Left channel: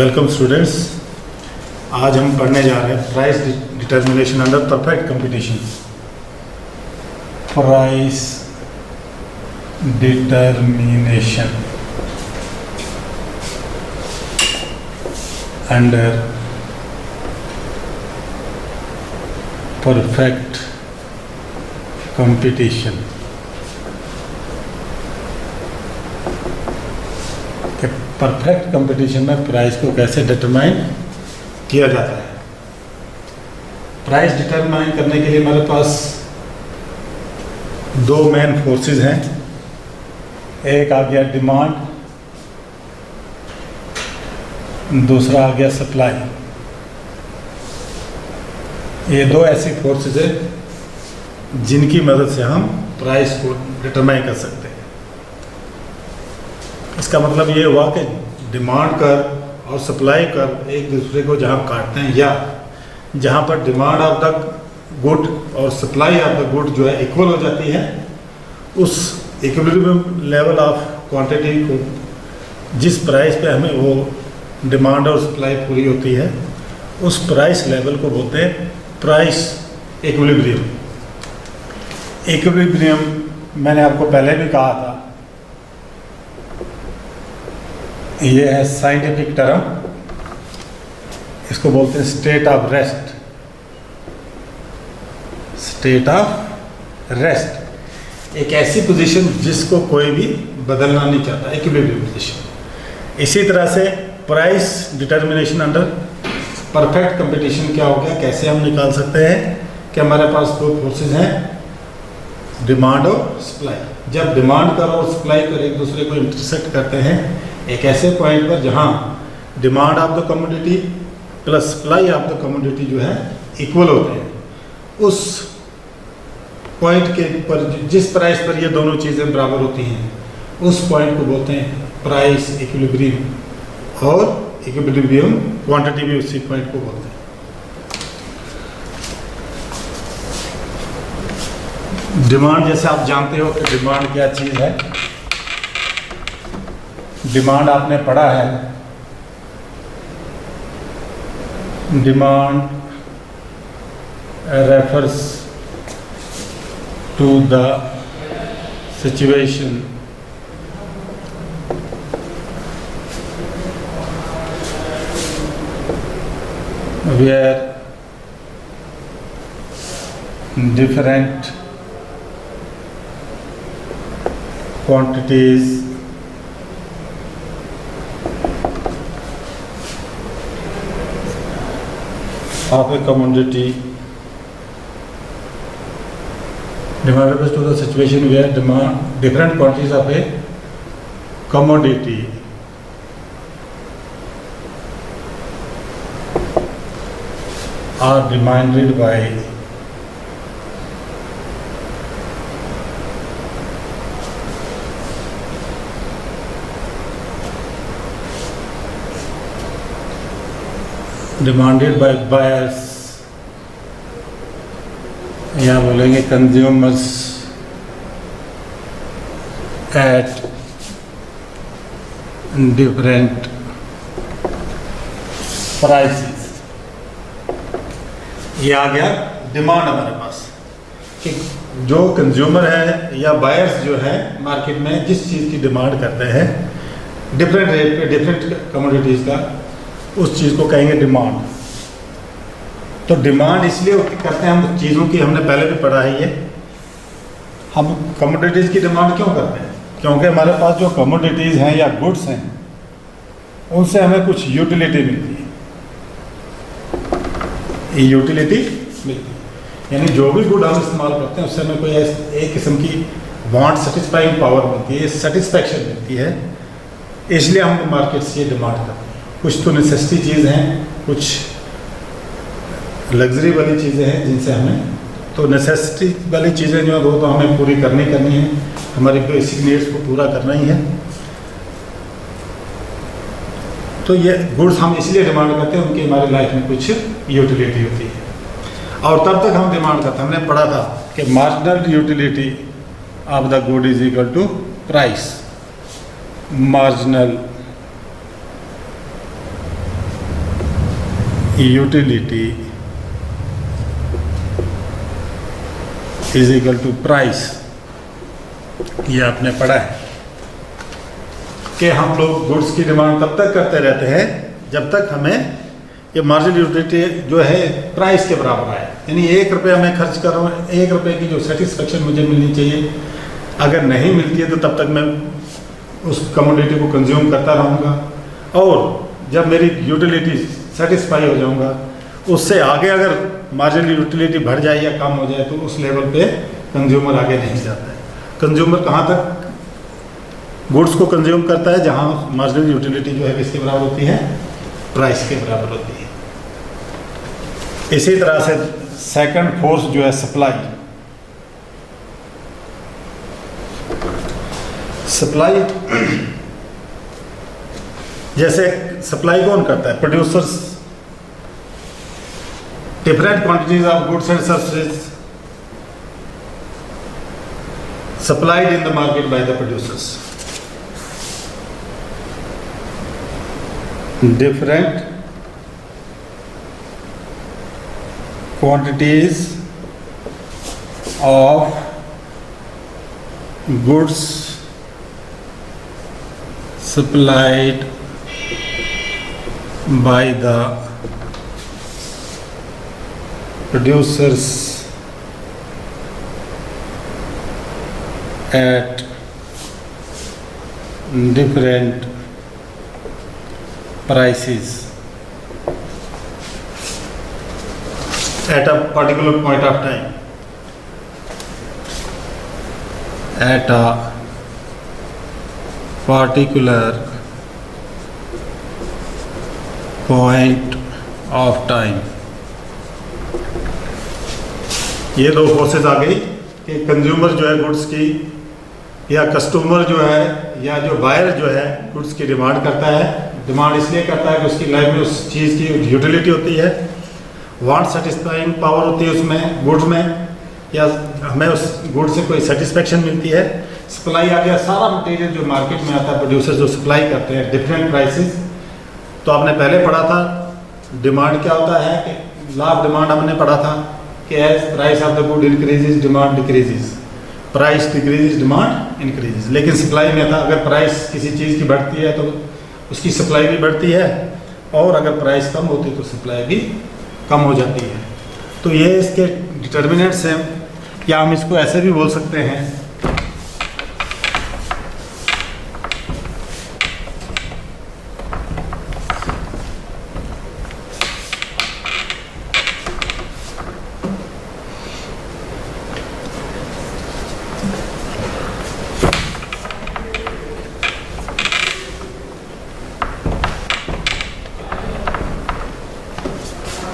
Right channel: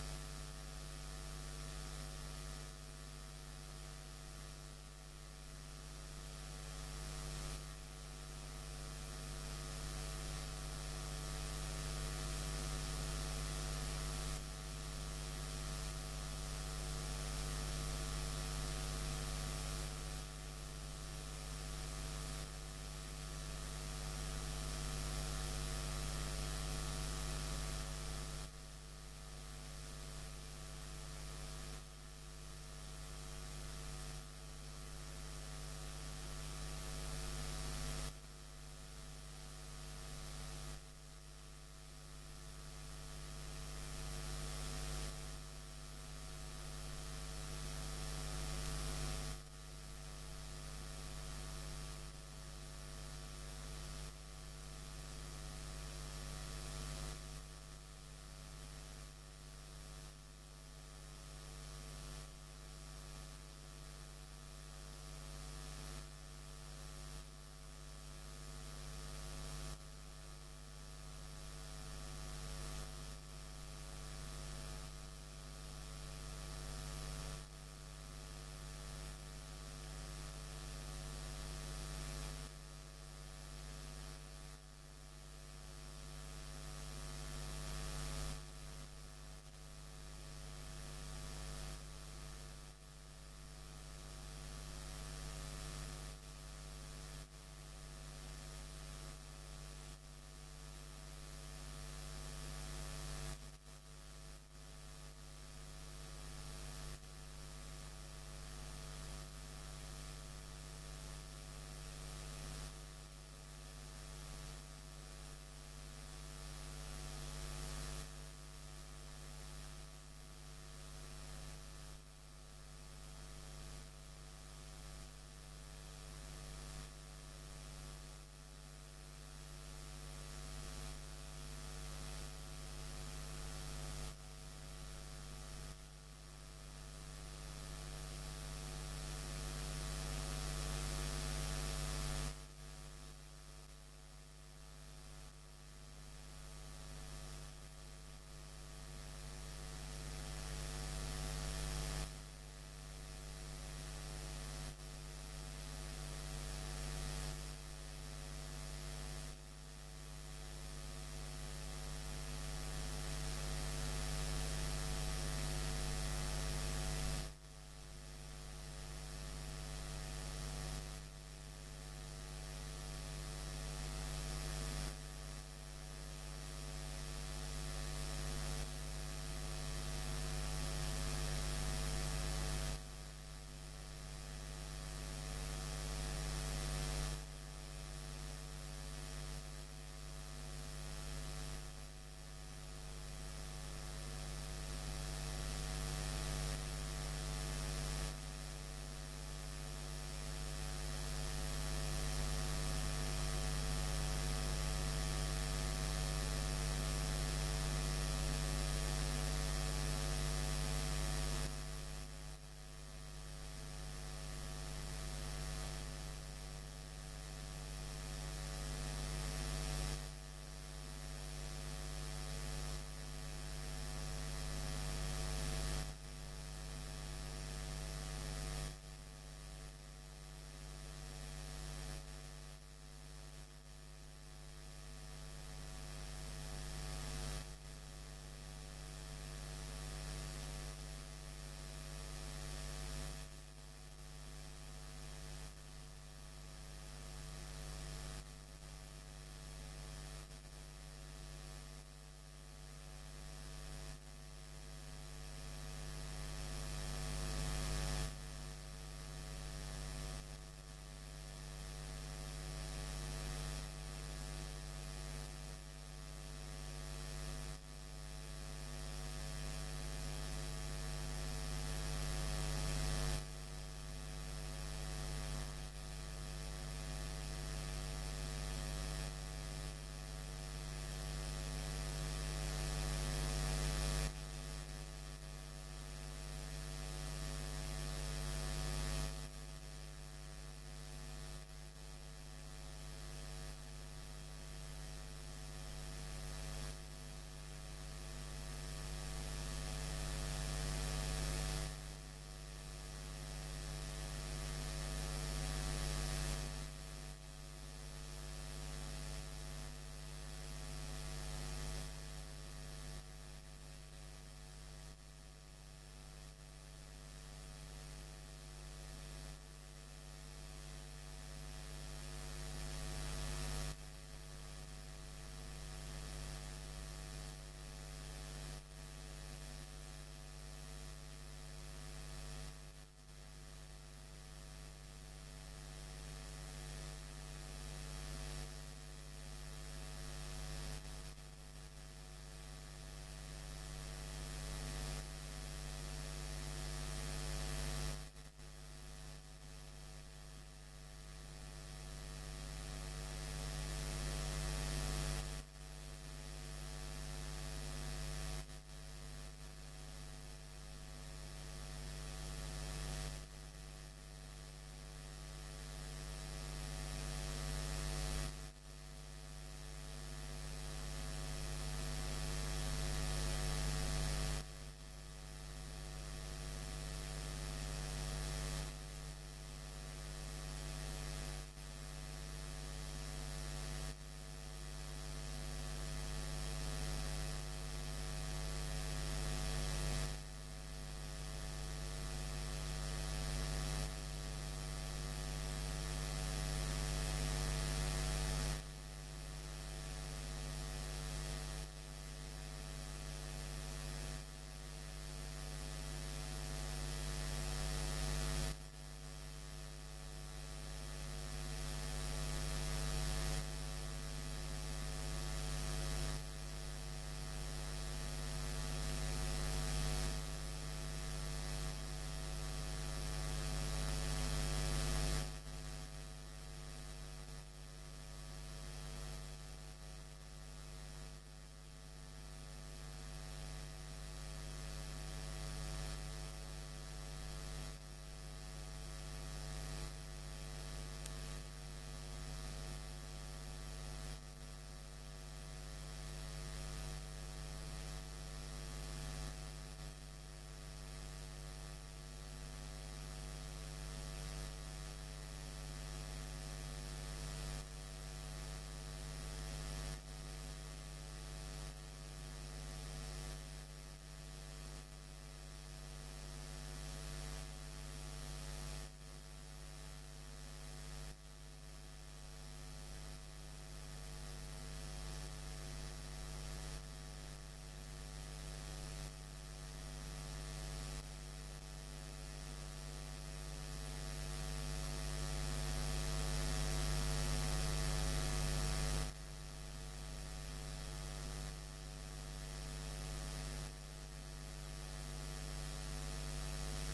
Welcome students. आज हम पढ़ने जा रहे हैं price determination under perfect competition. Price determination under perfect competition. Perfect competition में प्राइस को कैसे डिटरमाइन किया जाता है। प्राइस डिटरमाइन करने के लिए हमारे पास दो मेन फोर्सेस हैं। एक आ गया डिमांड, दूसरा आ गया सप्लाई। ये दो ऐसी फोर्सेस हैं जिनकी मदद से हम प्राइस को डिटरमाइन कर सकते हैं। इसका मतलब ये हुआ कि डिमांड कर और सप्लाई कर एक दूसरे को जहाँ काटते हैं, या जहाँ पर डिमांड ऑफ द गुड और सप्लाई ऑफ द गुड जो है इक्वल हो जाती है, उस इक्विलिब्रियम लेवल ऑफ क्वांटिटी को जिस प्राइस पे हमें वो डिमांड और सप्लाई पूरी होती है, उस प्राइस लेवल को बोलते हैं प्राइस इक्विलिब्रियम। इक्विलिब्रियम मैंने आपको पहले भी कहा था, ये है साइंटिफिक टर्म, इसको बोलते हैं state of rest. State of rest एक ऐसी पोजीशन जिसको कोई भी बदलना नहीं चाहता, इक्विलिब्रियम पोजीशन। इसी तरह से price determination under perfect competition क्या हो गया, कैसे हम निकाल सकते हैं कि हमारे पास दो फोर्सेस हैं, डिमांड और सप्लाई। जब डिमांड कर और सप्लाई कर एक दूसरे को इंटरसेक्ट करते हैं एक ऐसे पॉइंट पर जहां demand of the commodity plus supply of the commodity जो है इक्वल होते हैं, उस पॉइंट के पर जिस प्राइस पर ये दोनों चीज़ें बराबर होती हैं, उस पॉइंट को बोलते हैं प्राइस इक्विलिब्रियम। और इक्विलिब्रियम क्वांटिटी भी उसी पॉइंट को बोलते हैं। डिमांड, जैसे आप जानते हो कि डिमांड क्या चीज़ है। डिमांड आपने पढ़ा है, demand refers to the situation where different quantities of a commodity, demand refers to the situation where different quantities of a commodity are demanded by buyers, या बोलेंगे कंज्यूमर्स एट डिफरेंट प्राइसेस। ये आ गया demand हमारे पास कि जो consumer है या buyers जो है मार्केट में जिस चीज़ की डिमांड करते हैं डिफरेंट रेट पे डिफरेंट कमोडिटीज़ का, उस चीज़ को कहेंगे डिमांड। तो डिमांड इसलिए करते हैं हम चीज़ों की, हमने पहले भी पढ़ा है ये। हम कमोडिटीज़ की डिमांड क्यों करते हैं? क्योंकि हमारे पास जो कमोडिटीज़ हैं या गुड्स हैं उनसे हमें कुछ यूटिलिटी मिलती है। यूटिलिटी मिलती है यानी जो भी गुड हम इस्तेमाल करते हैं उससे हमें कोई एक किस्म की वांट सेटिस्फाइंग पावर मिलती है, सेटिस्फैक्शन मिलती है। इसलिए हम मार्केट से ये डिमांड करते हैं। कुछ तो नेसेसिटी चीज़ हैं, कुछ लग्जरी वाली चीज़ें हैं जिनसे हमें, तो नेसेसिटी वाली चीज़ें जो है वो तो हमें पूरी करनी है, हमारी बेसिक नीड्स को पूरा करना ही है। तो ये गुड्स हम इसलिए डिमांड करते हैं, उनकी हमारी लाइफ में कुछ यूटिलिटी होती है। और तब तक हम डिमांड करते हैं, हमने पढ़ा था कि marginal utility of the good is equal to price. Marginal utility is equal to price. ये आपने पढ़ा है कि हम लोग गुड्स की डिमांड तब तक करते रहते हैं जब तक हमें ये मार्जिनल यूटिलिटी जो है प्राइस के बराबर आए। यानी 1 रुपये मैं खर्च कर रहा हूँ, 1 रुपये की जो सेटिस्फेक्शन मुझे मिलनी चाहिए, अगर नहीं मिलती है तो तब तक मैं उस कमोडिटी को कंज्यूम करता रहूँगा, और जब मेरी यूटिलिटी सेटिस्फाई हो जाऊँगा उससे आगे अगर मार्जिनल यूटिलिटी बढ़ जाए या कम हो जाए तो उस लेवल पे कंज्यूमर आगे नहीं जाता है। कंज्यूमर कहाँ तक गुड्स को कंज्यूम करता है? जहाँ मार्जिनल यूटिलिटी जो है किसके बराबर होती है? प्राइस के बराबर होती है। इसी तरह से सेकंड फोर्स जो है सप्लाई। सप्लाई जैसे सप्लाई कौन करता है? Producers different quantities of goods and services supplied in the market by the producers. Different quantities of goods supplied by the producers at different prices at a particular point of time, at a particular point of time। ये दो forces आ गई कि consumer जो है goods की, या customer जो है, या जो बायर जो है गुड्स की डिमांड करता है। डिमांड इसलिए करता है कि उसकी लाइफ में उस चीज़ की यूटिलिटी होती है, वांट सेटिस्फाइंग पावर होती है उसमें गुड्स में, या हमें उस गुड से कोई सेटिस्फेक्शन मिलती है। सप्लाई आ गया, सारा मटेरियल जो मार्केट में आता है प्रोड्यूसर जो सप्लाई करते हैं डिफरेंट प्राइसेस। तो आपने पहले पढ़ा था डिमांड क्या होता है, कि लॉ ऑफ डिमांड हमने पढ़ा था कि as price of the good increases demand decreases, price decreases demand increases. लेकिन सप्लाई में था अगर प्राइस किसी चीज़ की बढ़ती है तो उसकी सप्लाई भी बढ़ती है, और अगर प्राइस कम होती है तो सप्लाई भी कम हो जाती है। तो ये इसके डिटर्मिनेंट्स हैं, या हम इसको ऐसे भी बोल सकते हैं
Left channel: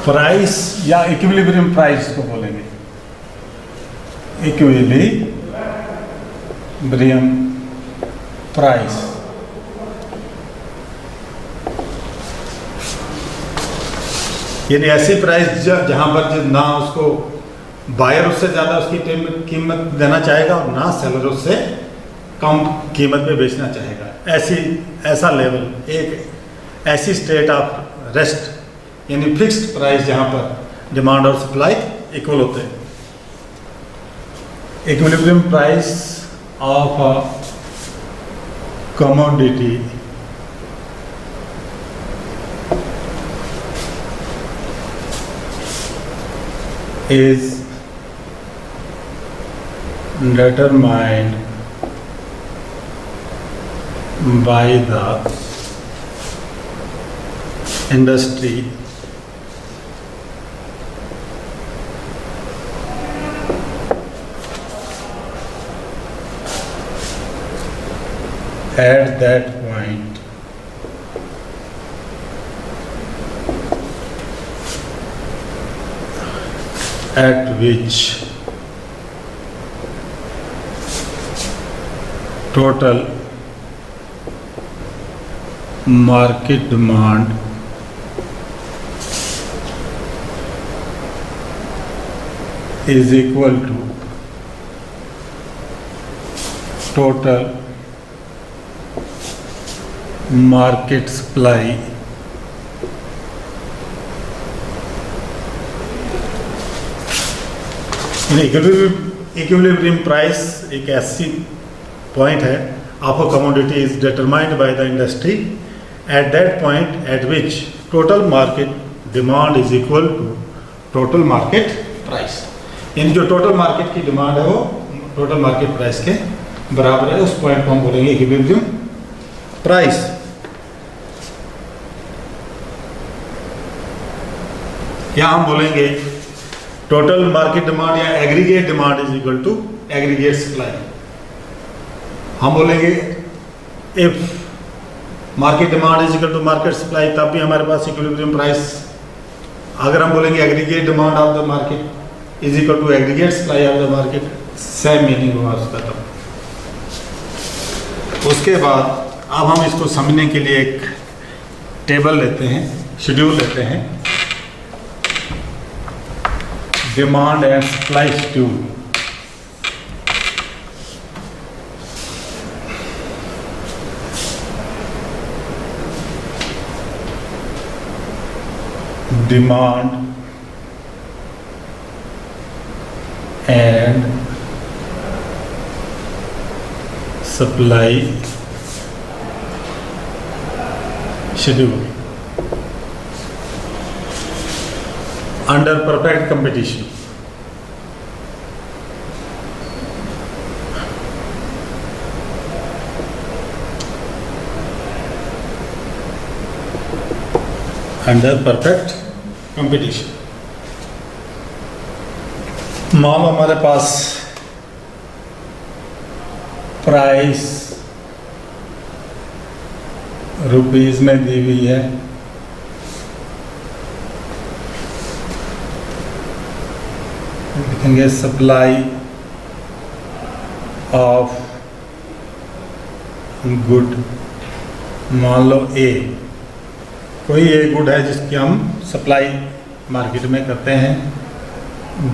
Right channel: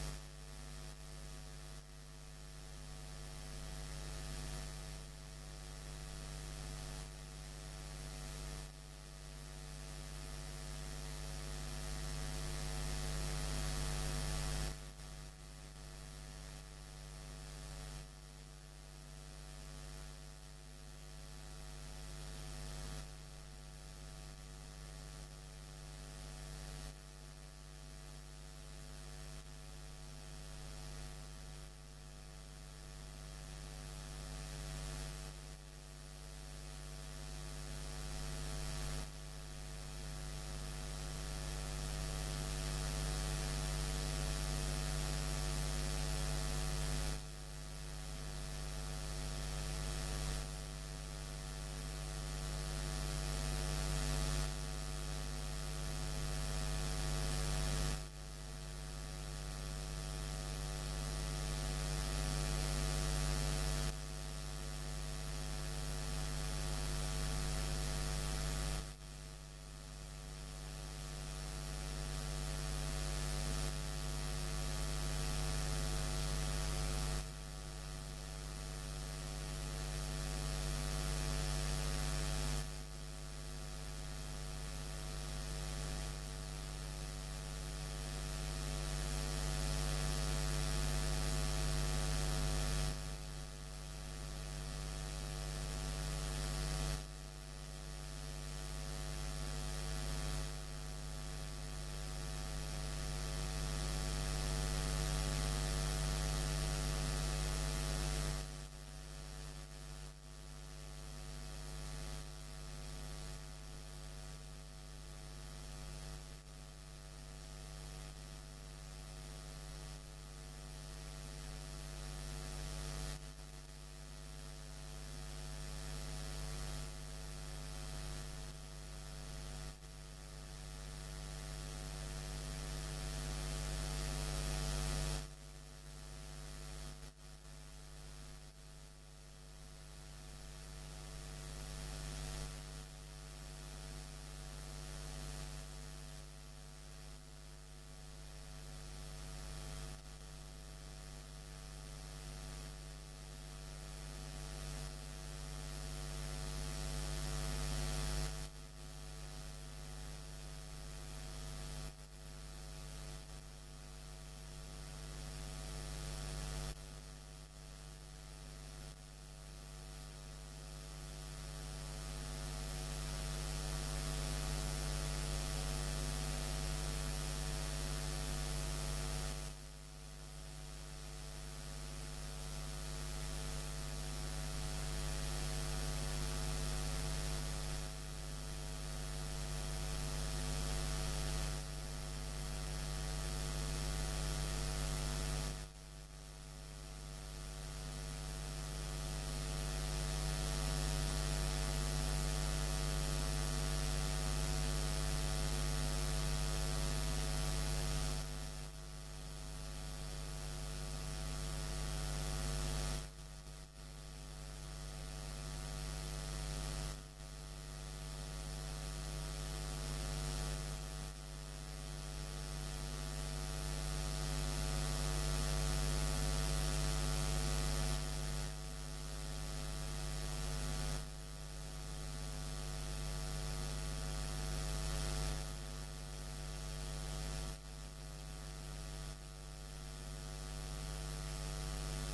प्राइस, या इक्विलिब्रियम प्राइस को बोलेंगे, इक्विलिब्रियम प्राइस। यानी ऐसी प्राइस जहां पर ना उसको बायर उससे ज़्यादा उसकी कीमत देना चाहेगा और ना सेलर उससे कम कीमत पे बेचना चाहेगा। ऐसा लेवल, एक ऐसी स्टेट ऑफ रेस्ट, यानी फिक्स्ड प्राइस जहाँ पर डिमांड और सप्लाई इक्वल होते हैं। Equilibrium price of a commodity is determined by the industry at that point at which total market demand is equal to total market supply equilibrium price एक ऐसी point है of a commodity is determined by the industry at that point at which total market demand is equal to total market price. यानी जो total market की demand है वो total market price के बराबर है, उस पॉइंट को हम बोलेंगे इक्विलिब्रियम प्राइस। या हम बोलेंगे टोटल मार्केट डिमांड या aggregate demand is equal to aggregate supply. हम बोलेंगे if market demand is equal to market supply, तब भी हमारे पास इक्विलिब्रियम प्राइस। अगर हम बोलेंगे aggregate demand of the market is equal to aggregate supply of the market, same meaning हुआ उसका तब। उसके बाद अब हम इसको समझने के लिए एक टेबल लेते हैं, शेड्यूल लेते हैं, demand and supply schedule. Demand and supply schedule under perfect competition। under perfect competition मान लो हमारे पास प्राइस रुपीज में दी हुई है, लिखेंगे सप्लाई ऑफ गुड। मान लो ए, कोई ए गुड है जिसकी हम सप्लाई मार्केट में करते हैं।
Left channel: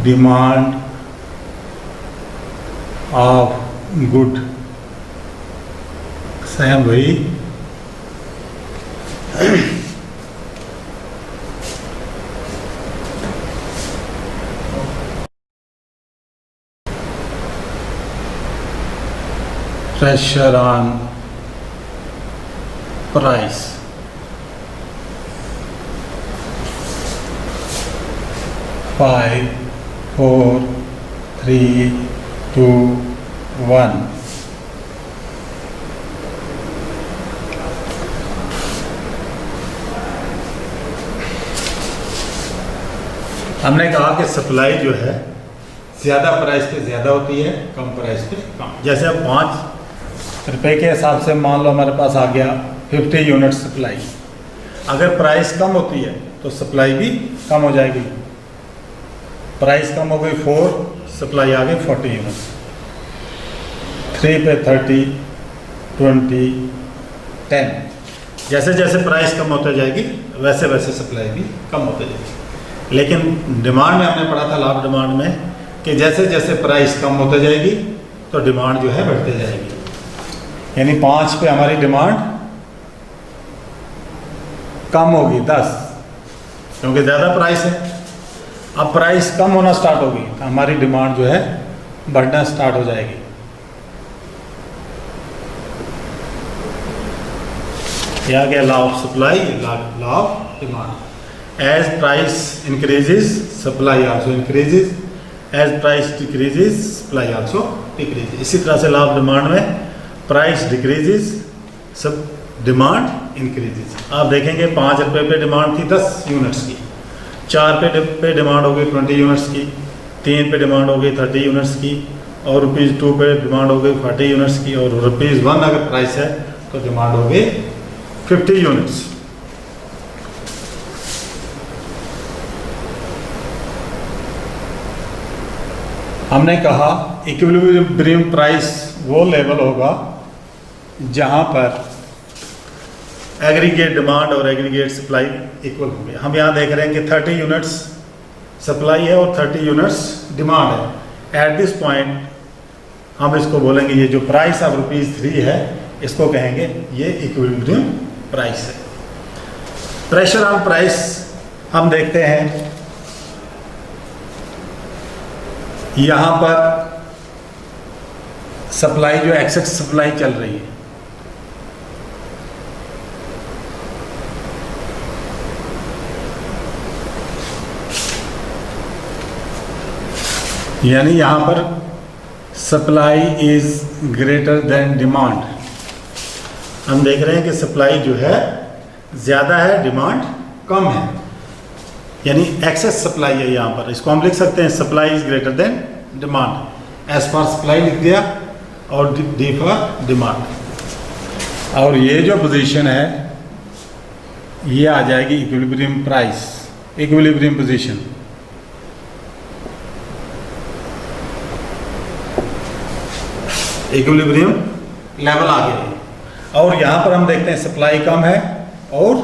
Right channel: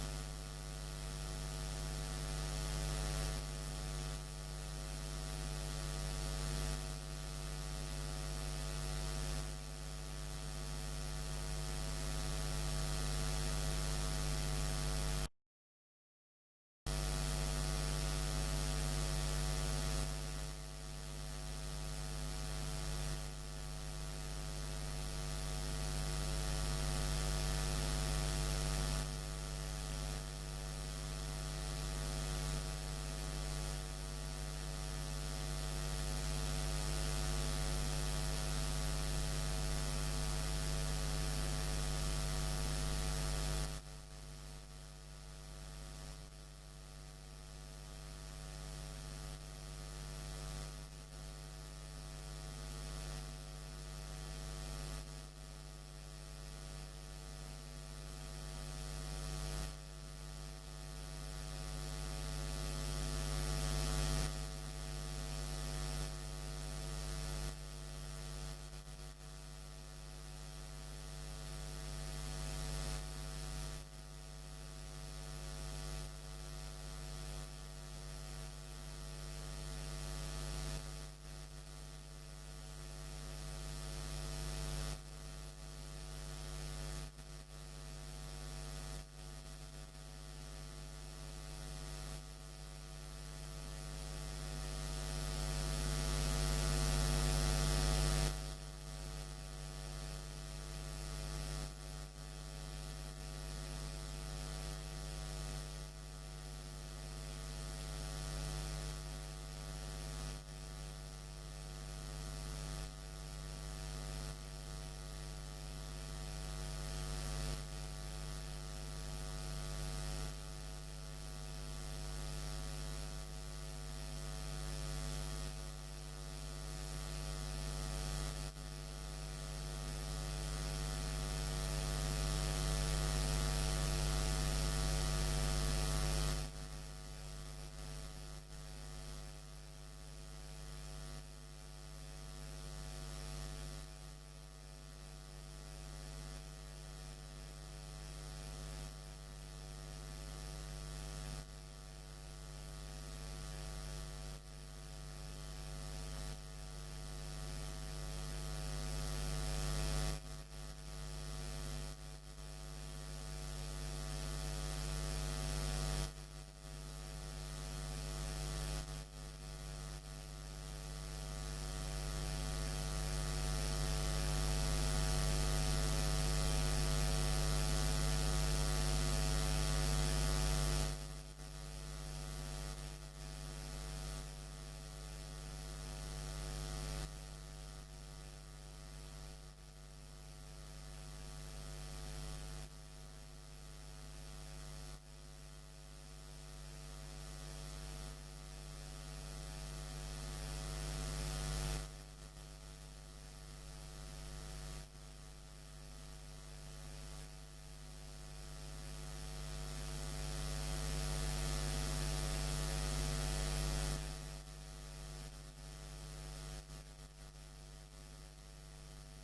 डिमांड ऑफ गुड सेम वही pressure on price। Five, four, three, two, one। हमने कहा कि सप्लाई जो है ज़्यादा प्राइस पे ज़्यादा होती है, कम प्राइस पे कम। जैसे अब 5 रुपए के हिसाब से मान लो हमारे पास आ गया 50 यूनिट सप्लाई। अगर प्राइस कम होती है तो सप्लाई भी कम हो जाएगी। प्राइस कम हो गई 4, सप्लाई आ गई 40 यूनिट। 3 पे 30, 20, 10। जैसे जैसे प्राइस कम होते जाएगी वैसे वैसे सप्लाई भी कम होते जाएगी। लेकिन डिमांड में हमने पढ़ा था, लाभ डिमांड में, कि जैसे जैसे प्राइस कम होते जाएगी तो डिमांड जो है बढ़ते जाएगी। यानी 5 पे हमारी डिमांड कम होगी 10, क्योंकि ज़्यादा प्राइस है। अब प्राइस कम होना स्टार्ट होगी तो हमारी डिमांड जो है बढ़ना स्टार्ट हो जाएगी। यह गया law of supply, law of demand. As price increases, supply also increases. As price decreases, supply also decreases. इसी तरह से लाभ डिमांड में प्राइस डिक्रीजेस, सब डिमांड इंक्रीजेस। आप देखेंगे 5 रुपये पे डिमांड थी 10 यूनिट्स की, 4 पे डिमांड हो गई 20 यूनिट्स की, 3 पे डिमांड हो गई 30 यूनिट्स की, और ₹2 पे डिमांड हो गई 40 यूनिट्स की, और ₹1 अगर प्राइस है तो डिमांड हो गई 50 यूनिट्स। हमने कहा इक्विलिब्रियम प्राइस वो लेवल होगा जहां पर एग्रीगेट डिमांड और एग्रीगेट सप्लाई इक्वल होंगे। हम यहाँ देख रहे हैं कि 30 यूनिट्स सप्लाई है और 30 यूनिट्स डिमांड है। एट दिस पॉइंट हम इसको बोलेंगे, ये जो प्राइस ऑफ ₹3 है इसको कहेंगे ये इक्विलिब्रियम प्राइस है। प्रेशर ऑन प्राइस हम देखते हैं यहाँ पर सप्लाई जो एक्सेस सप्लाई चल रही है, यानी यहाँ पर supply is greater than demand. हम देख रहे हैं कि सप्लाई जो है ज़्यादा है, डिमांड कम है, यानी एक्सेस सप्लाई है यहाँ पर। इसको हम लिख सकते हैं supply is greater than demand. As for supply लिख दिया और डी फॉर डिमांड। और ये जो पोजीशन है ये आ जाएगी equilibrium price, equilibrium position. Equilibrium level आ गया। और यहाँ पर हम देखते हैं सप्लाई कम है और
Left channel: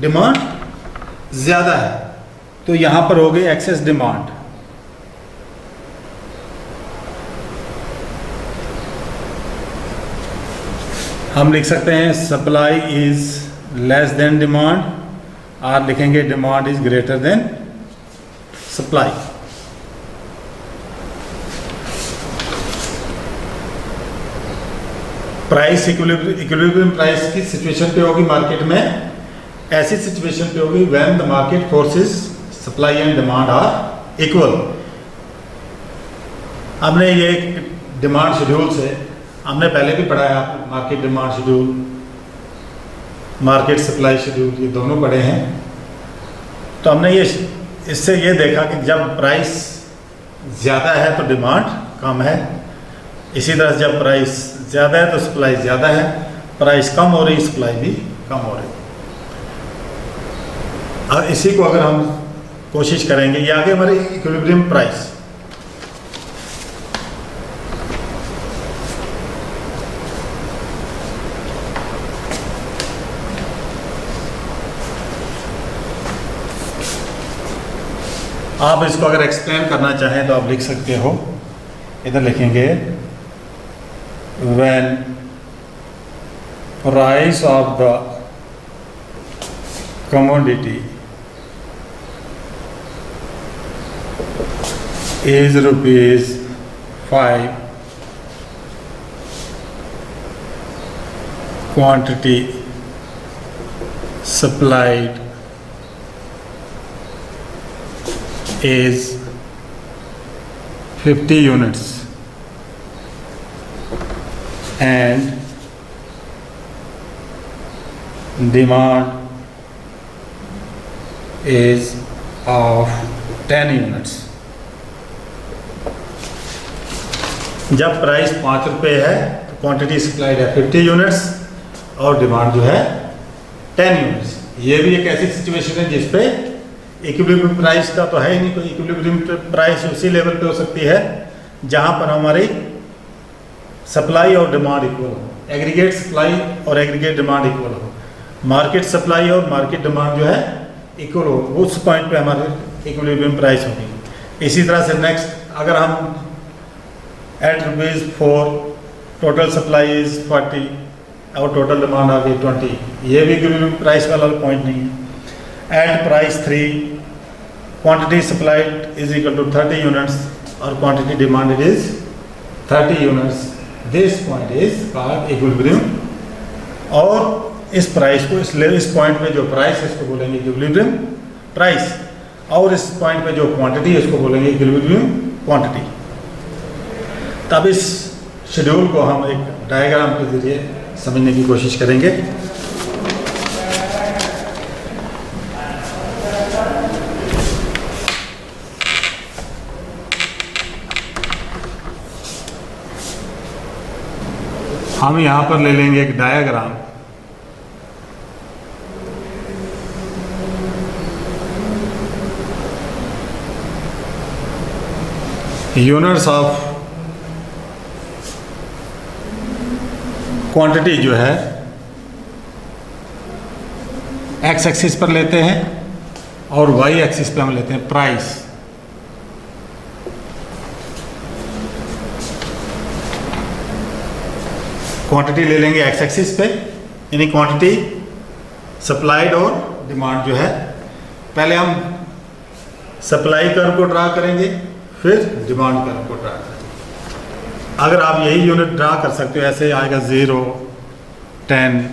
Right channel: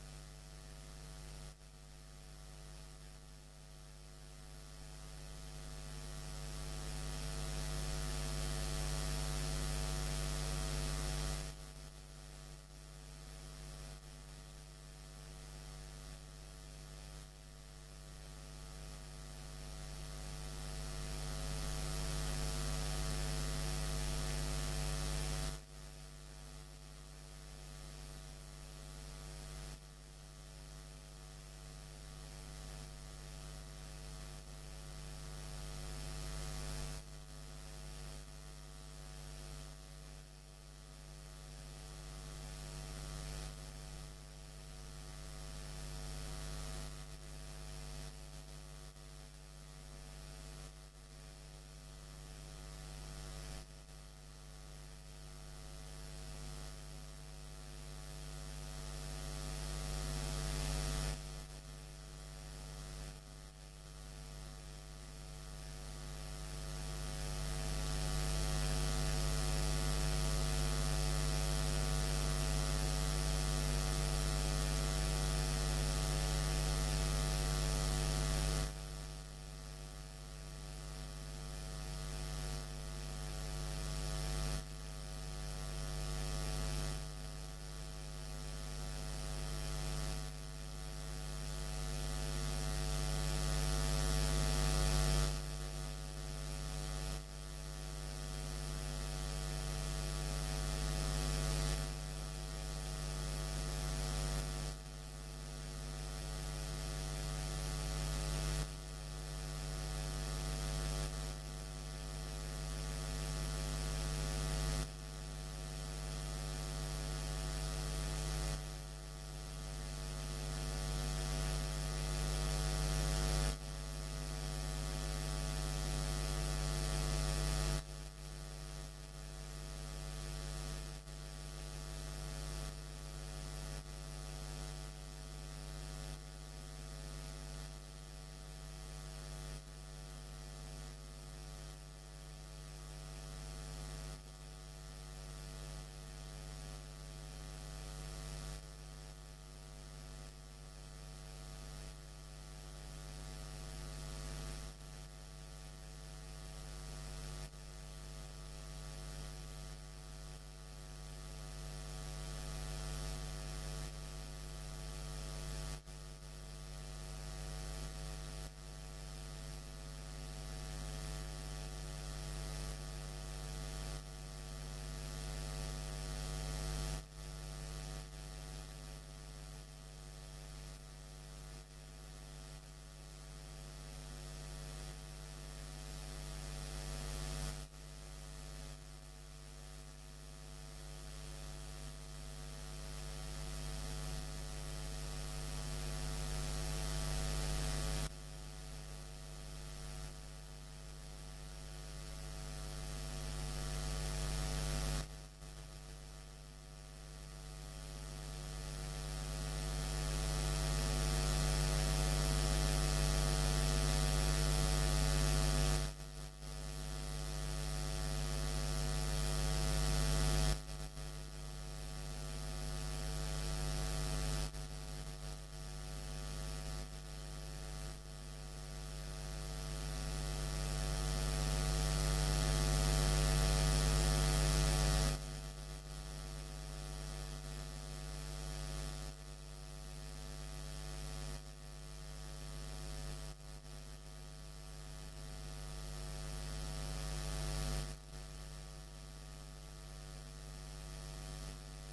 डिमांड ज़्यादा है, तो यहाँ पर हो गई एक्सेस डिमांड। हम लिख सकते हैं supply is less than demand, और लिखेंगे demand is greater than supply. Price equilibrium price की सिचुएशन पे होगी मार्केट में, ऐसी सिचुएशन पे होगी when the market forces supply and demand are equal. हमने ये डिमांड शेड्यूल से हमने पहले भी पढ़ा है, आप market demand schedule, market supply schedule, ये दोनों पढ़े हैं। तो हमने ये इससे ये देखा कि जब प्राइस ज़्यादा है तो डिमांड कम है, इसी तरह जब प्राइस ज़्यादा है तो सप्लाई ज़्यादा है, प्राइस कम हो रही सप्लाई भी कम हो रही। और इसी को अगर हम कोशिश करेंगे, ये आगे हमारे इक्विलिब्रियम प्राइस। आप इसको अगर एक्सप्लेन करना चाहें तो आप लिख सकते हो, इधर लिखेंगे when price of the commodity is ₹5, quantity supplied is 50 units and demand is of 10 units। जब प्राइस 5 रुपये है तो क्वांटिटी सप्लाइड है 50 यूनिट्स और डिमांड जो है 10 यूनिट्स। ये भी एक ऐसी सिचुएशन है जिस पे इक्विलिब्रियम प्राइस का तो है ही नहीं कोई। इक्विलिब्रियम प्राइस उसी लेवल पे हो सकती है जहाँ पर हमारी सप्लाई और डिमांड इक्वल हो, एग्रीगेट सप्लाई और एग्रीगेट डिमांड इक्वल हो, मार्केट सप्लाई और मार्केट डिमांड जो है इक्वल हो, उस पॉइंट पे हमारे इक्विलिब्रियम प्राइस होगी। इसी तरह से नेक्स्ट अगर हम एट ₹4 टोटल सप्लाई इज 40 और टोटल डिमांड आ गई 20, ये भी इक्विलिब्रियम प्राइस वाला पॉइंट नहीं है। At price 3 quantity supplied is equal to 30 units और quantity demanded is 30 units, this point is called equilibrium. और इस प्राइस को इस पॉइंट पे जो प्राइस है इसको बोलेंगे इक्विलिब्रियम प्राइस, और इस पॉइंट पे जो क्वांटिटी है इसको बोलेंगे इक्विलिब्रियम क्वांटिटी। तब इस शेड्यूल को हम एक डायग्राम के जरिए समझने की कोशिश करेंगे। हम यहाँ पर ले लेंगे एक डायग्राम। यूनिट्स ऑफ क्वांटिटी जो है एक्स एक्सिस पर लेते हैं और वाई एक्सिस पे हम लेते हैं प्राइस। क्वांटिटी ले लेंगे एक्स एक्सिस पे, यानी क्वांटिटी सप्लाइड और डिमांड जो है। पहले हम सप्लाई कर्व को ड्रा करेंगे, फिर डिमांड कर्व को ड्रा करें। अगर आप यही यूनिट ड्रा कर सकते हो, ऐसे आएगा 0, 10,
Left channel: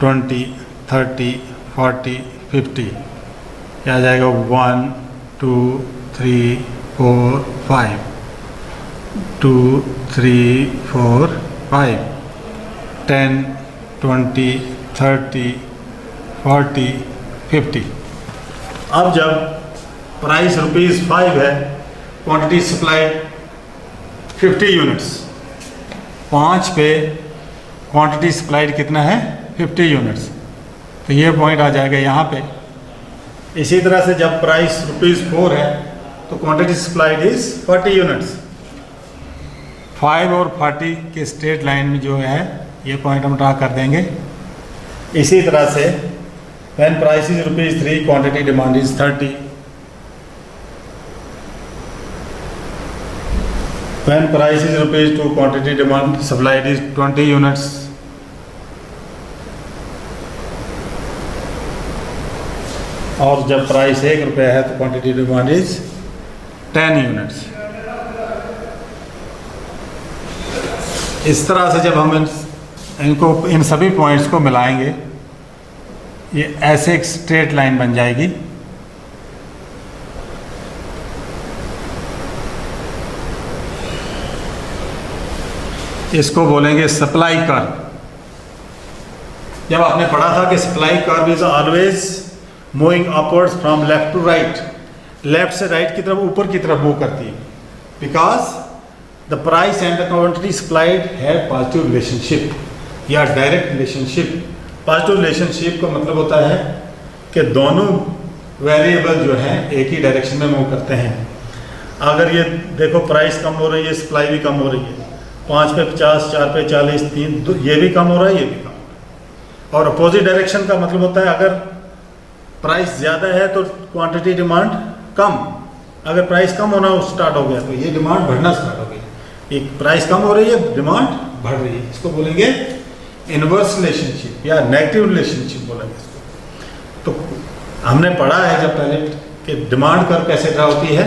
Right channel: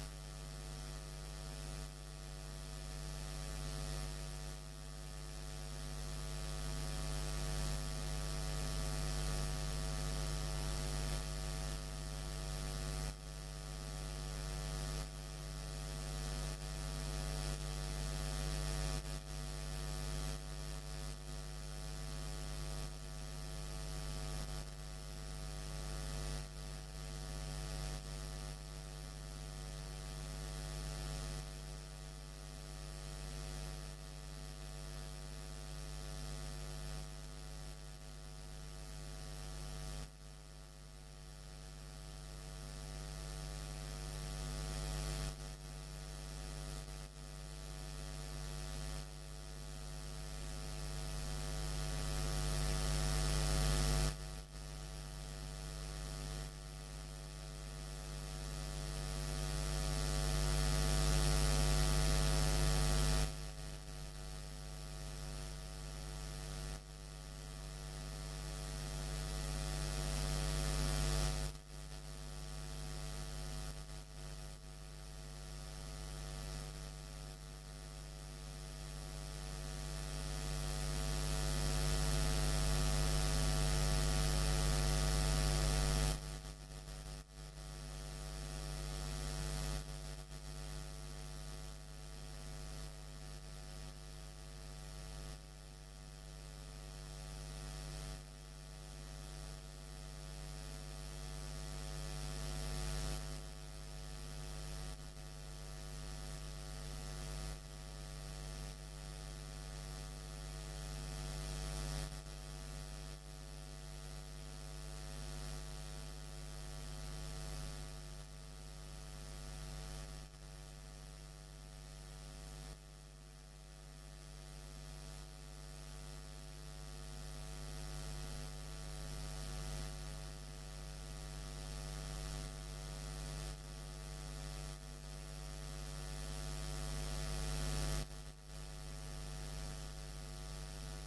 20, 30, 40, 50, क्या आ जाएगा 1, 2, 3, 4, 5, 2, 3, 4, 5, 10, 20, 30, 40, 50। अब जब प्राइस ₹5 है, क्वांटिटी सप्लाइड 50 यूनिट्स, 5 पे क्वांटिटी सप्लाइड कितना है 50 यूनिट्स, तो ये पॉइंट आ जाएगा यहाँ पे। इसी तरह से जब प्राइस ₹4 है तो क्वांटिटी सप्लाइड इज 40 यूनिट्स। 5 और 40 के स्ट्रेट लाइन में जो है ये पॉइंट हम ड्रा कर देंगे। इसी तरह से when price is ₹3 quantity demand is 30, when price is ₹2 quantity demand supplied is 20 units, और जब प्राइस ₹1 है तो क्वांटिटी डिमांड इज 10 यूनिट्स। इस तरह से जब हम इनको इन सभी पॉइंट्स को मिलाएंगे, ये ऐसे एक स्ट्रेट लाइन बन जाएगी। इसको बोलेंगे सप्लाई कर्व। जब आपने पढ़ा था कि supply curve is always moving upwards from left to right, left से राइट की तरफ, ऊपर की तरफ मूव करती है, because the price and the quantity supplied have positive relationship या डायरेक्ट रिलेशनशिप। पॉजिटिव रिलेशनशिप का मतलब होता है कि दोनों वेरिएबल जो हैं एक ही डायरेक्शन में मूव करते हैं। अगर ये देखो प्राइस कम हो रही है, सप्लाई भी कम हो रही है, 5 पे 50, 4 पे 40, 3, ये भी कम हो रहा है, ये भी कम हो रहा है। और अपोजिट डायरेक्शन का मतलब होता है अगर प्राइस ज़्यादा है तो क्वांटिटी डिमांड कम, अगर प्राइस कम होना स्टार्ट हो गया तो ये डिमांड बढ़ना स्टार्ट हो गई। एक प्राइस कम हो रही है, डिमांड बढ़ रही है, इसको बोलेंगे इनवर्स रिलेशनशिप या नेगेटिव रिलेशनशिप बोलेंगे इसको। तो हमने पढ़ा है जब पहले कि डिमांड कर्व कैसे ड्रा होती है।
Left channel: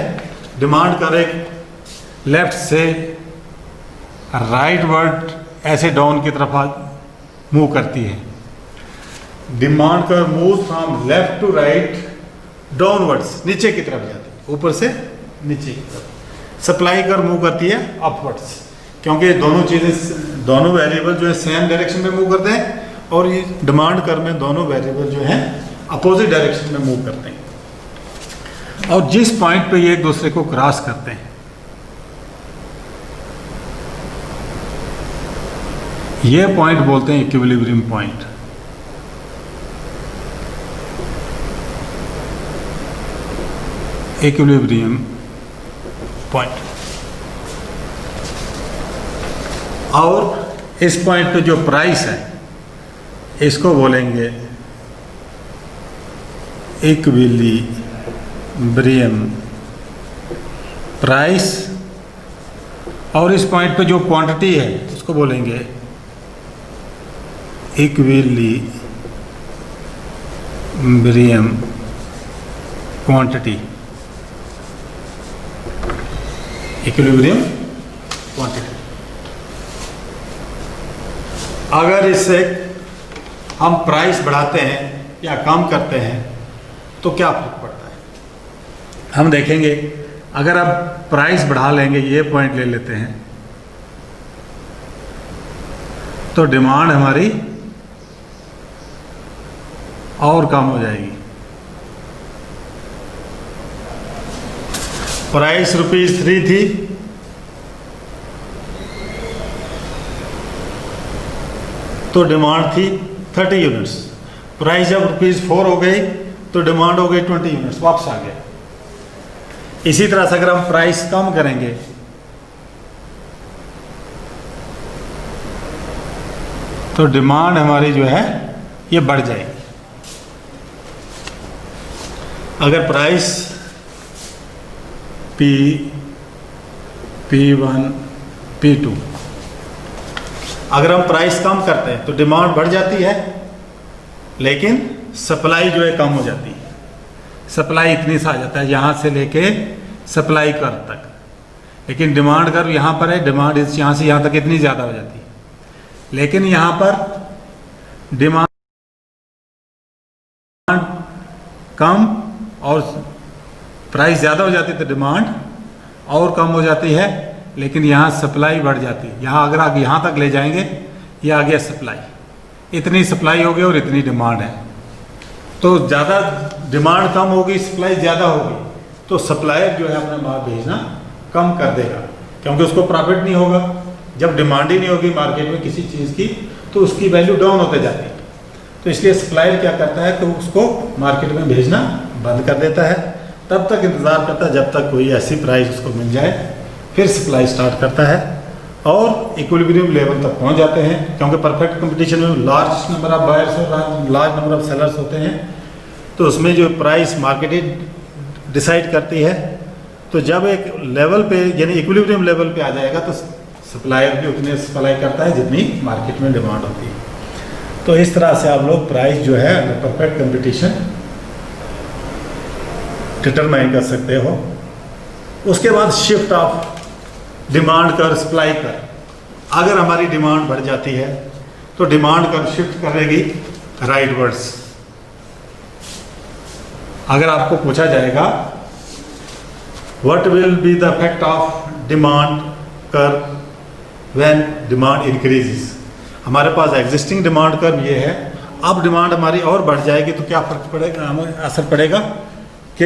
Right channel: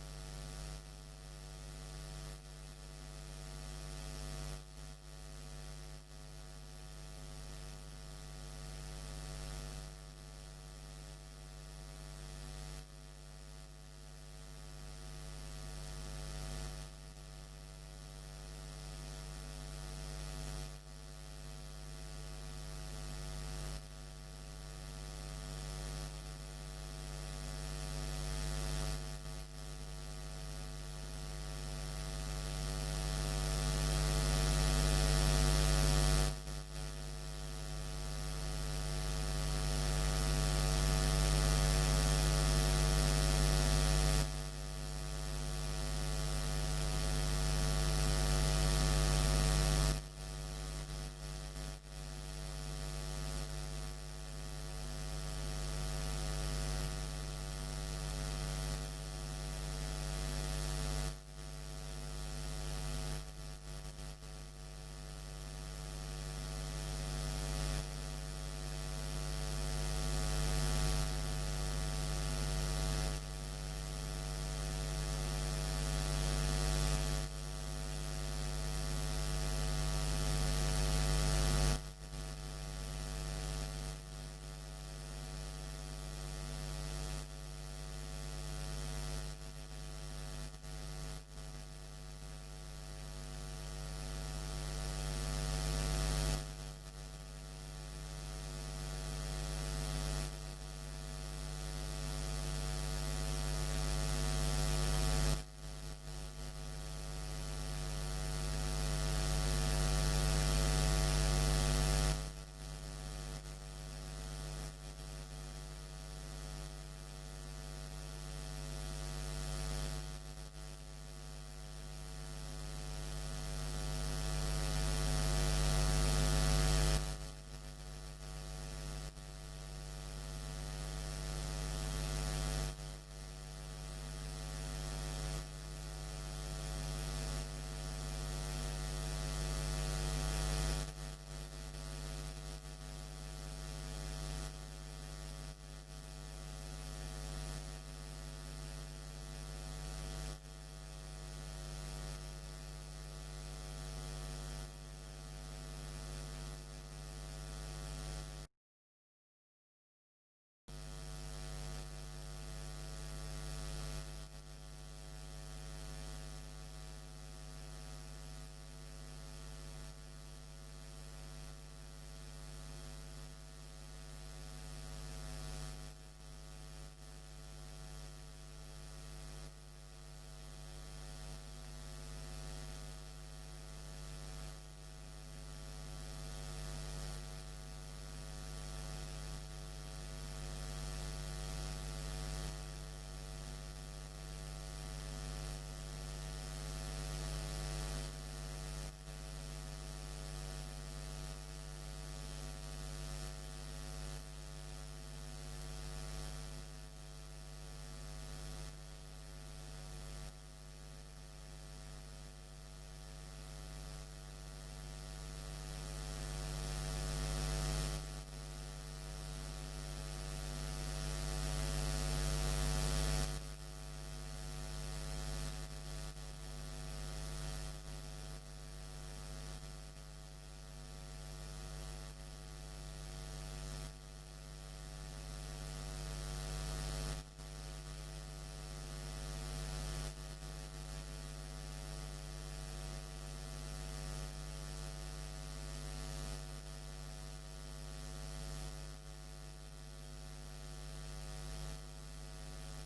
डिमांड कर्व एक लेफ्ट से राइट वर्ड ऐसे डाउन की तरफ मूव करती है। Demand curve move from left to right downwards, नीचे की तरफ जाती है, ऊपर से नीचे की तरफ। सप्लाई कर्व मूव करती है अपवर्ड्स, क्योंकि दोनों चीज़ें, दोनों वेरिएबल जो है सेम डायरेक्शन में मूव करते हैं, और ये डिमांड कर्व में दोनों वेरिएबल जो हैं अपोजिट डायरेक्शन में मूव करते हैं। और जिस पॉइंट पे ये एक दूसरे को क्रॉस करते हैं, ये पॉइंट बोलते हैं इक्विलिब्रियम पॉइंट। Equilibrium point. और इस पॉइंट पे जो प्राइस है इसको बोलेंगे इक्विलिब्रियम प्राइस, और इस पॉइंट पे जो क्वांटिटी है उसको बोलेंगे इक्विलिब्रियम क्वांटिटी। Equilibrium quantity. अगर इससे हम प्राइस बढ़ाते हैं या कम करते हैं तो क्या फर्क पड़ता है, हम देखेंगे। अगर आप प्राइस बढ़ा लेंगे, ये पॉइंट ले लेते हैं, तो डिमांड हमारी और कम हो जाएगी। प्राइस ₹3 थी, तो डिमांड थी 30 यूनिट्स। प्राइस जब ₹4 हो गई तो डिमांड हो गई 20 यूनिट्स, वापस आ गया। इसी तरह से अगर हम प्राइस कम करेंगे तो डिमांड हमारी जो है ये बढ़ जाएगी। अगर प्राइस P1, P2, अगर हम प्राइस कम करते हैं तो डिमांड बढ़ जाती है, लेकिन सप्लाई जो है कम हो जाती है। सप्लाई इतनी सा आ जाता है, यहाँ से लेके सप्लाई कर्व तक, लेकिन डिमांड कर्व यहाँ पर है, डिमांड यहाँ से यहाँ तक इतनी ज़्यादा हो जाती है, लेकिन यहाँ पर डिमांड कम और प्राइस ज़्यादा हो जाती है तो डिमांड और कम हो जाती है, लेकिन यहाँ सप्लाई बढ़ जाती है। यहाँ अगर आप यहाँ तक ले जाएंगे, ये आ गया सप्लाई, इतनी सप्लाई होगी और इतनी डिमांड है, तो ज़्यादा डिमांड कम होगी, सप्लाई ज़्यादा होगी, तो सप्लायर जो है अपना माल भेजना कम कर देगा, क्योंकि उसको प्रॉफिट नहीं होगा। जब डिमांड ही नहीं होगी मार्केट में किसी चीज़ की तो उसकी वैल्यू डाउन होते जाती है, तो इसलिए सप्लायर क्या करता है, तो उसको मार्केट में भेजना बंद कर देता है, तब तक इंतज़ार करता है जब तक कोई ऐसी प्राइस उसको मिल जाए, फिर सप्लाई स्टार्ट करता है और इक्विलिब्रियम लेवल तक पहुंच जाते हैं। क्योंकि परफेक्ट कंपटीशन में लार्ज नंबर ऑफ बायर्स और लार्ज नंबर ऑफ सेलर्स होते हैं, तो उसमें जो प्राइस मार्केट डिसाइड करती है, तो जब एक लेवल पे यानी इक्विलिब्रियम लेवल पे आ जाएगा तो सप्लायर भी उतने सप्लाई करता है जितनी मार्केट में डिमांड होती है। तो इस तरह से आप लोग प्राइस जो है परफेक्ट कंपटीशन डिटरमाइन कर सकते हो। उसके बाद शिफ्ट ऑफ डिमांड कर सप्लाई कर, अगर हमारी डिमांड बढ़ जाती है तो डिमांड कर शिफ्ट करेगी राइटवर्ड्स। अगर आपको पूछा जाएगा what will be the effect of demand कर व्हेन डिमांड इंक्रीजेस, हमारे पास एग्जिस्टिंग डिमांड कर्व ये है, अब डिमांड हमारी और बढ़ जाएगी तो क्या फर्क पड़ेगा, हमें असर पड़ेगा कि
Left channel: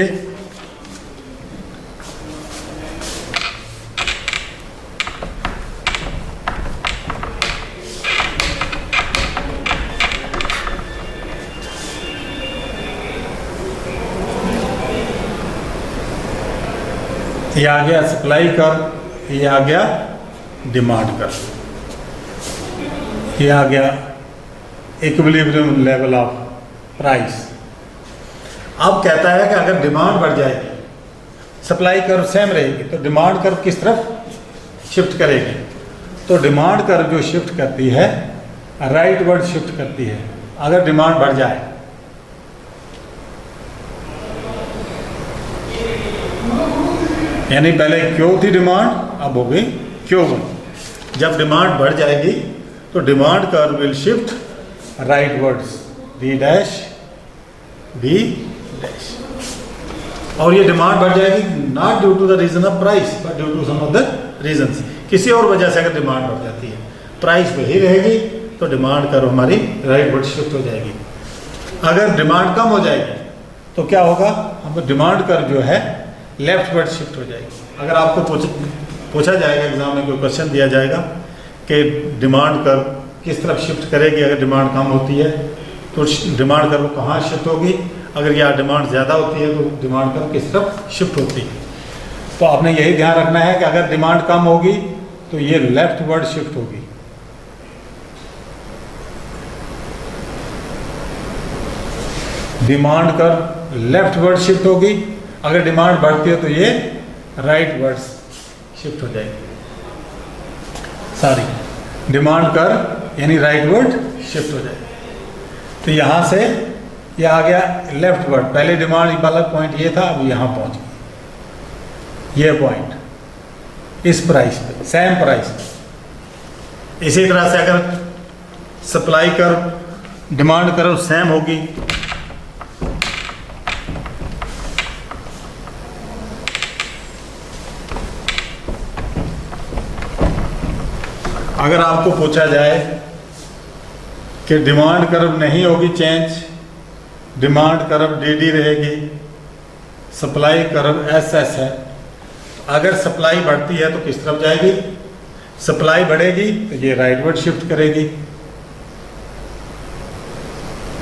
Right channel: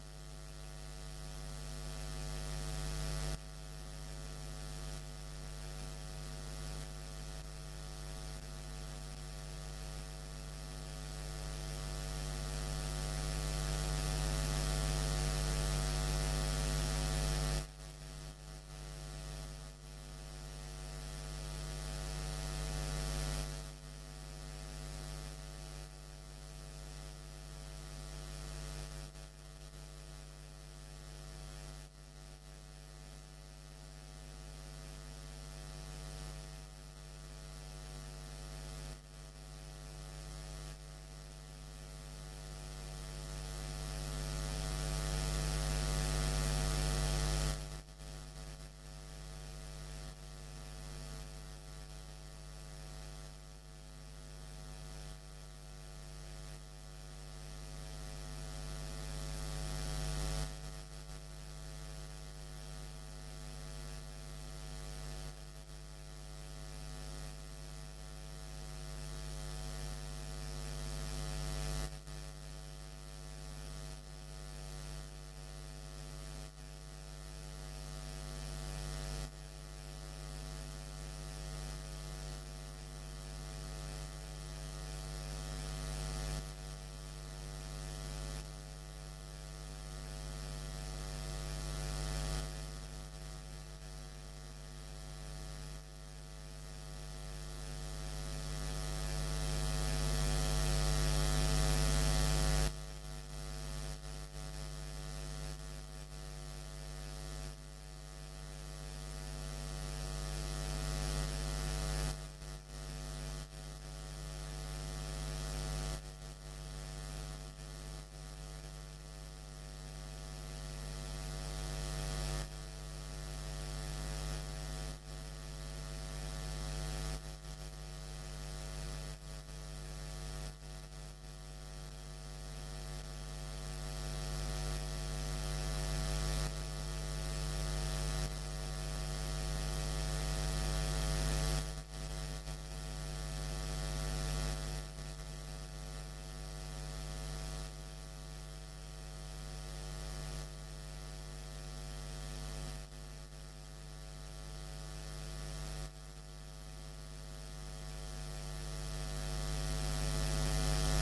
ये आ गया सप्लाई कर्व, ये आ गया डिमांड कर्व, ये आ गया इक्विलिब्रियम लेवल ऑफ प्राइस। अब कहता है कि अगर डिमांड बढ़ जाएगी, सप्लाई कर्व सेम रहेगी, तो डिमांड कर्व किस तरफ शिफ्ट करेगी, तो डिमांड कर्व जो शिफ्ट करती है राइटवर्ड शिफ्ट करती है। अगर डिमांड बढ़ जाए, यानी पहले क्यू थी डिमांड, अब हो गई Q1। जब डिमांड बढ़ जाएगी तो demand curve will shift rightwards B dash B dash, और ये डिमांड बढ़ जाएगी not due to the reason of price but due to some other reasons. किसी और वजह से अगर डिमांड बढ़ जाती है, प्राइस वही रहेगी तो डिमांड कर्व हमारी राइटवर्ड शिफ्ट हो जाएगी। अगर डिमांड कम हो जाएगी तो क्या होगा, हम डिमांड कर्व जो है लेफ्टवर्ड शिफ्ट हो जाएगी। अगर आपको पूछा जाएगा एग्जाम में, कोई क्वेश्चन दिया जाएगा कि डिमांड कर्व किस तरफ शिफ्ट करेगी अगर डिमांड कम होती है, तो डिमांड कर्व कहाँ शिफ्ट होगी, अगर यहाँ डिमांड ज़्यादा होती है तो डिमांड कर्व किस तरफ शिफ्ट होती है। तो आपने यही ध्यान रखना है कि अगर डिमांड कम होगी तो ये लेफ्टवर्ड शिफ्ट होगी, डिमांड कर्व लेफ्टवर्ड शिफ्ट होगी, अगर डिमांड बढ़ती है तो ये राइटवर्ड शिफ्ट हो जाएगी। सॉरी, डिमांड कर्व यानी राइटवर्ड शिफ्ट हो जाएगी। तो यहाँ से ये आ गया लेफ्टवर्ड, पहले डिमांड वाला पॉइंट ये था, अब यहाँ पहुँच गया ये पॉइंट इस प्राइस पे, सेम प्राइस पे। इसी तरह से अगर supply curve demand curve same होगी, अगर आपको पूछा जाए कि डिमांड कर्व नहीं होगी चेंज, डिमांड कर्व DD रहेगी, सप्लाई कर्व SS है, अगर सप्लाई बढ़ती है तो किस तरफ जाएगी, सप्लाई बढ़ेगी तो ये राइटवर्ड शिफ्ट करेगी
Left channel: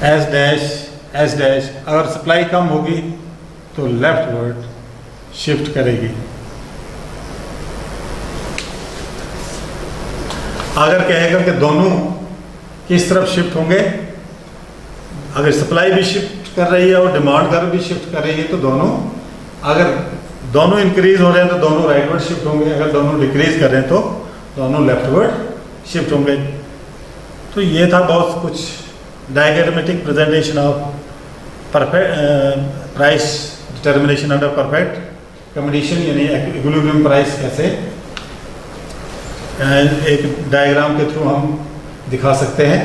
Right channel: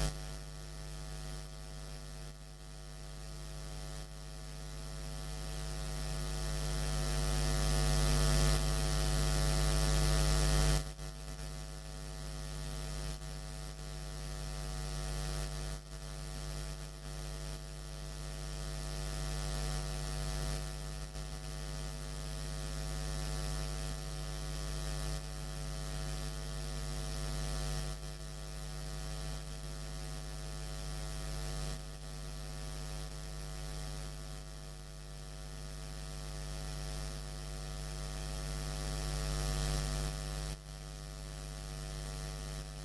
S डैश, अगर सप्लाई कम होगी तो लेफ्टवर्ड शिफ्ट करेगी। अगर कहेगा कि दोनों किस तरफ शिफ्ट होंगे, अगर सप्लाई भी शिफ्ट कर रही है और डिमांड कर्व भी शिफ्ट कर रही है तो दोनों, अगर दोनों इंक्रीज हो रहे हैं तो दोनों राइटवर्ड शिफ्ट होंगे, अगर दोनों डिक्रीज कर रहे हैं तो दोनों लेफ्टवर्ड शिफ्ट होंगे। तो ये था बहुत कुछ diagrammatic presentation of perfect price determination under perfect condition यानी इक्विलिब्रियम प्राइस कैसे एक डायग्राम के थ्रू हम दिखा सकते हैं,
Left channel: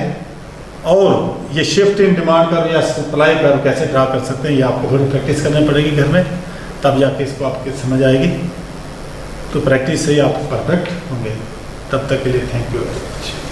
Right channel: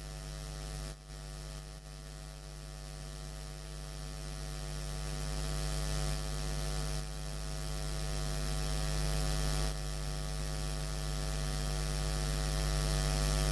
और ये शिफ्ट इन डिमांड कर्व या सप्लाई कर्व कैसे ड्रा कर सकते हैं, ये आपको थोड़ी प्रैक्टिस करनी पड़ेगी घर में, तब जाके इसको आपके समझ आएगी। तो प्रैक्टिस से ही आप परफेक्ट होंगे। तब तक के लिए थैंक यू वेरी मच।